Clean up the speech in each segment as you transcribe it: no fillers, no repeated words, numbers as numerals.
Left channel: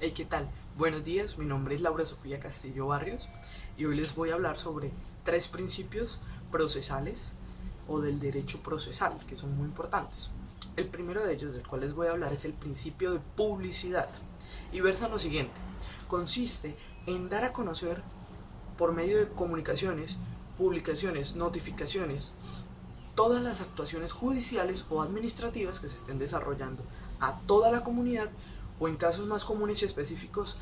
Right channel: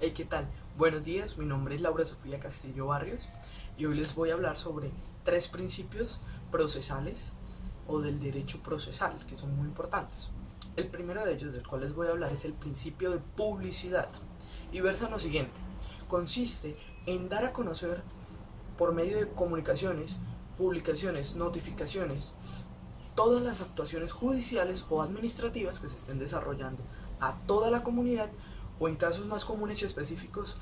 Hey, ¿qué tal? Buenos días, mi nombre es Laura Sofía Castillo Barrios y hoy les voy a hablar sobre tres principios procesales o del derecho procesal que son muy importantes. El primero de ellos, del cual les voy a hablar, es el principio de publicidad y versa lo siguiente: consiste en dar a conocer por medio de comunicaciones, publicaciones, notificaciones, todas las actuaciones judiciales o administrativas que se estén desarrollando a toda la comunidad o, en casos más comunes y específicos,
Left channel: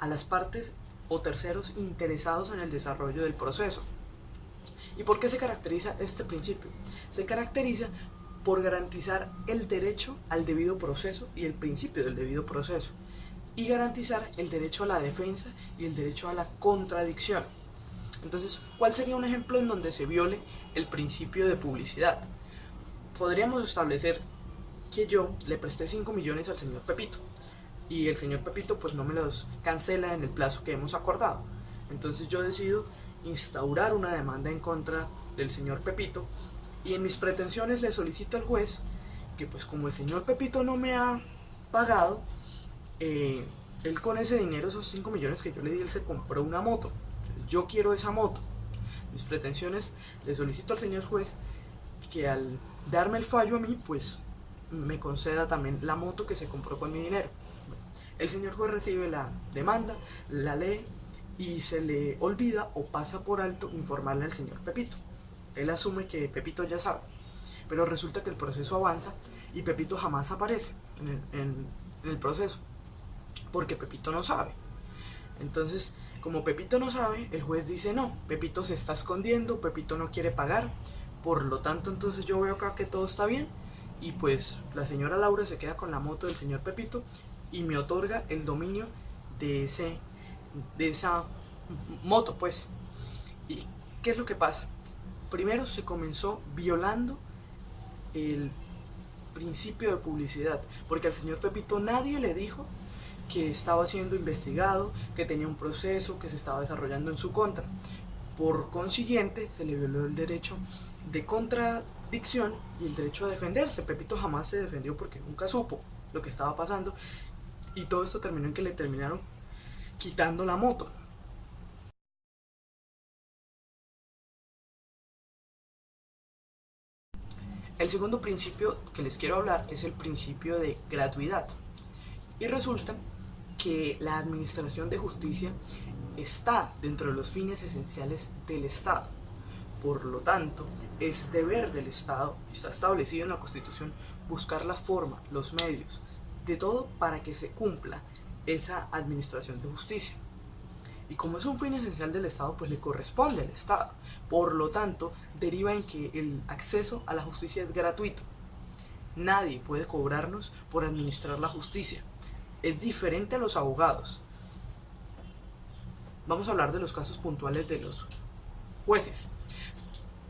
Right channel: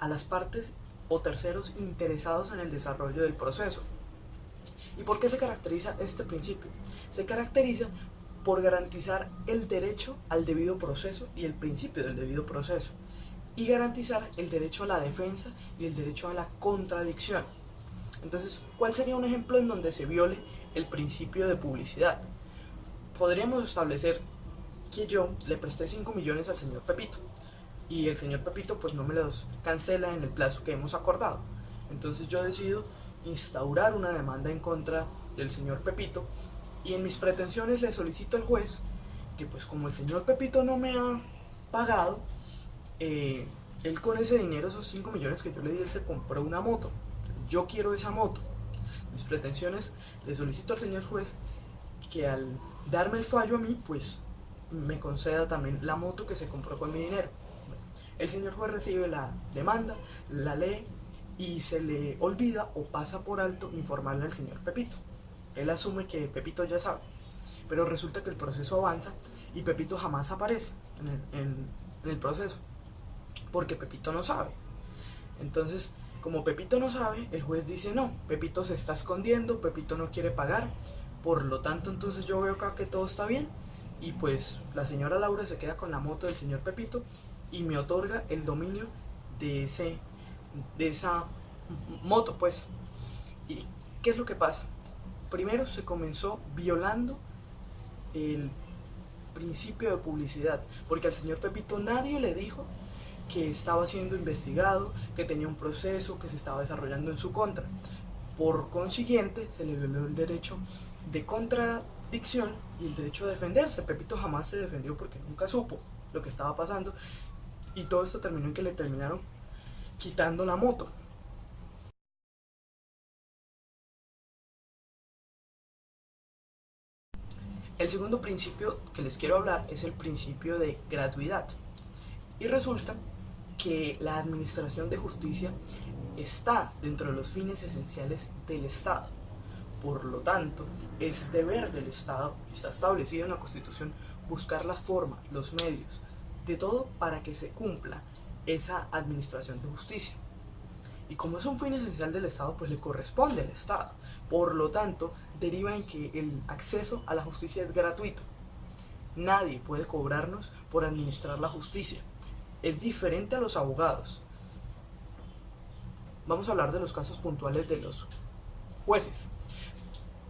a las partes o terceros interesados en el desarrollo del proceso. ¿Y por qué se caracteriza este principio? Se caracteriza por garantizar el derecho al debido proceso y el principio del debido proceso, y garantizar el derecho a la defensa y el derecho a la contradicción. Entonces, ¿cuál sería un ejemplo en donde se viole el principio de publicidad? Podríamos establecer que yo le presté 5 millones al señor Pepito y el señor Pepito pues no me los cancela en el plazo que hemos acordado. Entonces yo decido instaurar una demanda en contra del señor Pepito y en mis pretensiones le solicito al juez que, pues, como el señor Pepito no me ha pagado, él con ese dinero, esos 5 millones que yo le di, él se compró una moto. Yo quiero esa moto. Mis pretensiones, le solicito al señor juez que, al darme el fallo a mí, pues me conceda también la moto que se compró con mi dinero. El señor juez recibe la demanda, la lee y se le olvida o pasa por alto informarle al señor Pepito. Él asume que Pepito ya sabe, pero resulta que el proceso avanza y Pepito jamás aparece en el proceso, porque Pepito no sabe. Entonces, como Pepito no sabe, el juez dice: no, Pepito se está escondiendo, Pepito no quiere pagar, por lo tanto entonces yo veo acá que todo está bien, y pues la señora Laura se queda con la moto del señor Pepito y me otorga el dominio de esa moto, pues. ¿Y qué es lo que pasa? Primero se comenzó violando el principio de publicidad, porque al señor Pepito nadie le dijo que estaba siendo investigado, que tenía un proceso que se estaba desarrollando en su contra. Por consiguiente, se le violó el derecho de contradicción y el derecho a defenderse. Pepito jamás se defendió porque nunca supo lo que estaba pasando, y todo esto terminó en que le terminaron quitando la moto. El segundo principio que les quiero hablar es el principio de gratuidad. Y resulta que la administración de justicia está dentro de los fines esenciales del Estado. Por lo tanto, es deber del Estado, está establecido en la Constitución, buscar la forma, los medios, de todo para que se cumpla esa administración de justicia. Y como es un fin esencial del Estado, pues le corresponde al Estado. Por lo tanto, deriva en que el acceso a la justicia es gratuito. Nadie puede cobrarnos por administrar la justicia. Es diferente a los abogados. Vamos a hablar de los casos puntuales de los jueces,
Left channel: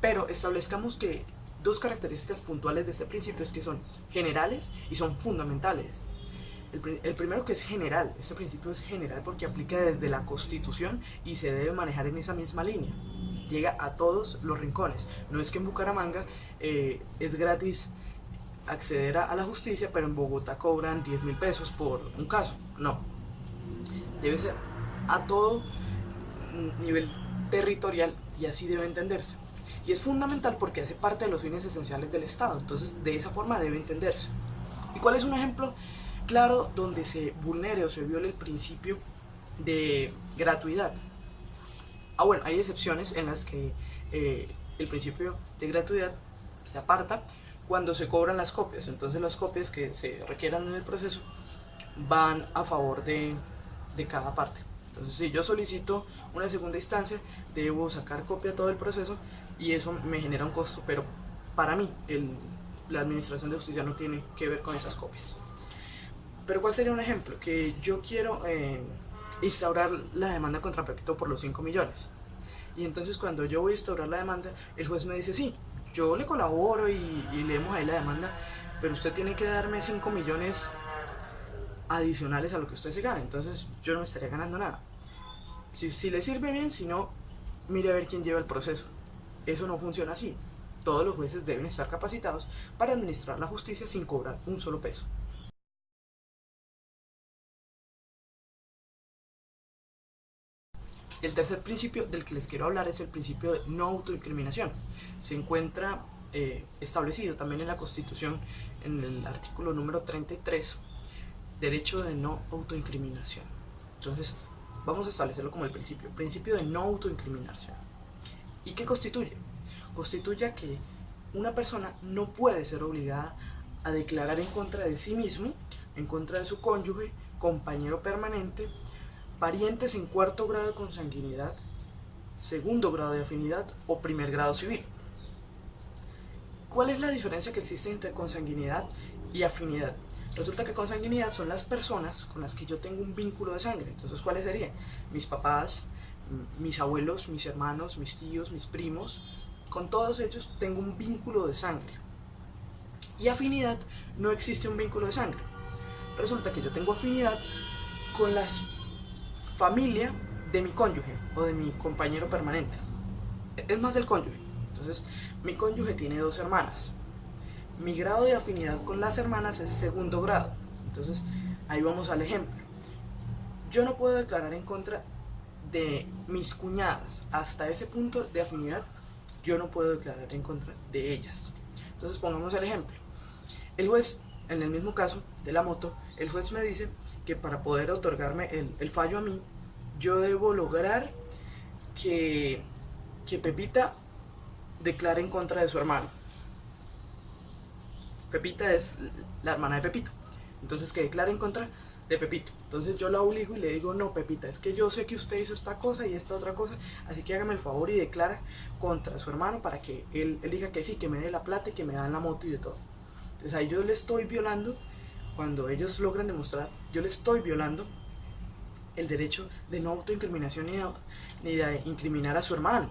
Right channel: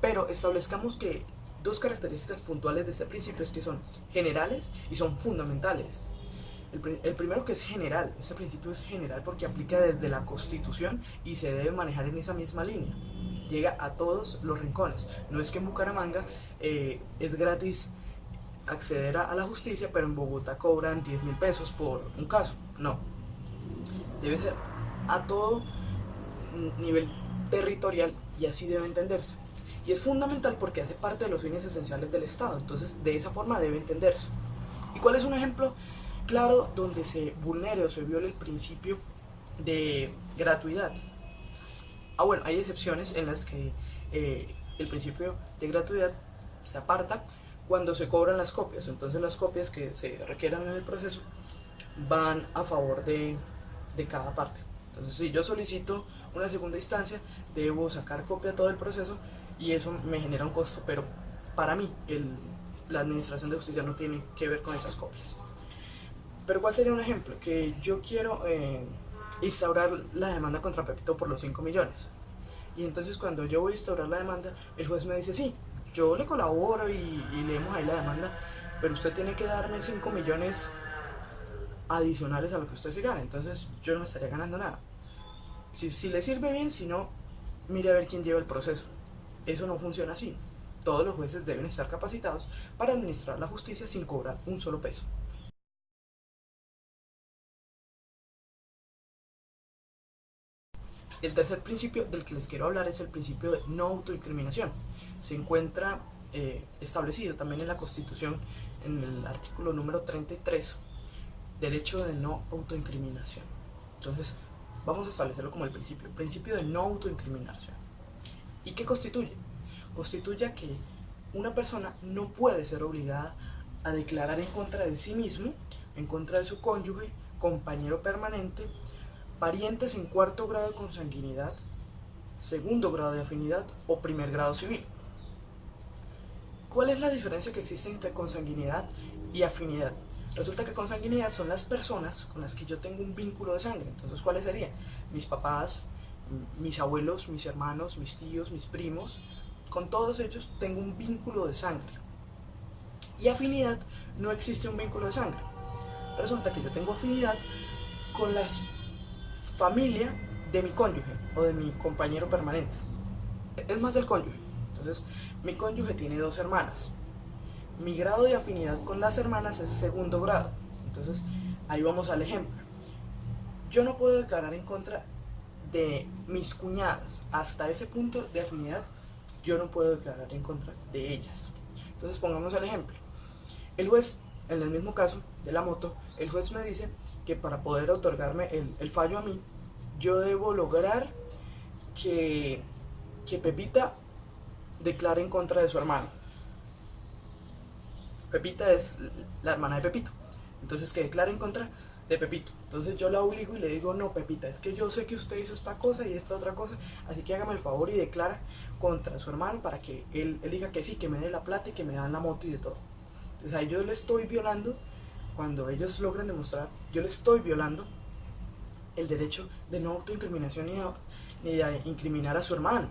pero establezcamos que dos características puntuales de este principio es que son generales y son fundamentales. El primero, que es general. Este principio es general porque aplica desde la Constitución y se debe manejar en esa misma línea. Llega a todos los rincones. No es que en Bucaramanga es gratis acceder a la justicia, pero en Bogotá cobran 10.000 pesos por un caso. No. Debe ser a todo nivel territorial y así debe entenderse. Y es fundamental porque hace parte de los fines esenciales del Estado. Entonces, de esa forma debe entenderse. ¿Y cuál es un ejemplo claro donde se vulnere o se viole el principio de gratuidad? Bueno, hay excepciones en las que el principio de gratuidad se aparta cuando se cobran las copias. Entonces las copias que se requieran en el proceso van a favor de cada parte. Entonces, si yo solicito una segunda instancia, debo sacar copia de todo el proceso y eso me genera un costo, pero para mí la administración de justicia no tiene que ver con esas copias. Pero ¿cuál sería un ejemplo? Que yo quiero instaurar la demanda contra Pepito por los 5 millones. Y entonces, cuando yo voy a instaurar la demanda, el juez me dice: sí, yo le colaboro y leemos ahí la demanda, pero usted tiene que darme 5 millones adicionales a lo que usted se gana. Entonces yo no me estaría ganando nada. Si le sirve bien, si no, mire a ver quién lleva el proceso. Eso no funciona así. Todos los jueces deben estar capacitados para administrar la justicia sin cobrar un solo peso. El tercer principio del que les quiero hablar es el principio de no autoincriminación. Se encuentra establecido también en la Constitución, en el artículo número 33, derecho de no autoincriminación. Entonces, vamos a establecerlo como el principio de no autoincriminación. ¿Y qué constituye? Constituye que una persona no puede ser obligada a declarar en contra de sí mismo, en contra de su cónyuge, compañero permanente, parientes en cuarto grado de consanguinidad, segundo grado de afinidad o primer grado civil. ¿Cuál es la diferencia que existe entre consanguinidad y afinidad? Resulta que consanguinidad son las personas con las que yo tengo un vínculo de sangre. Entonces, ¿cuáles serían? Mis papás, mis abuelos, mis hermanos, mis tíos, mis primos. Con todos ellos tengo un vínculo de sangre. Y afinidad, no existe un vínculo de sangre. Resulta que yo tengo afinidad con la familia de mi cónyuge o de mi compañero permanente. Es más del cónyuge. Entonces, mi cónyuge tiene 2 hermanas. Mi grado de afinidad con las hermanas es segundo grado. Entonces, ahí vamos al ejemplo. Yo no puedo declarar en contra de mis cuñadas. Hasta ese punto de afinidad, yo no puedo declarar en contra de ellas. Entonces, pongamos el ejemplo. El juez, en el mismo caso de la moto, el juez me dice que para poder otorgarme el fallo a mí, yo debo lograr que Pepita declare en contra de su hermano. Pepita es la hermana de Pepito. Entonces, que declare en contra de Pepito. Entonces yo la obligo y le digo: no, Pepita, es que yo sé que usted hizo esta cosa y esta otra cosa, así que hágame el favor y declara contra su hermano para que él diga que sí, que me dé la plata y que me dan la moto y de todo. Entonces ahí yo le estoy violando, cuando ellos logran demostrar, yo le estoy violando el derecho de no autoincriminación ni de incriminar a su hermano.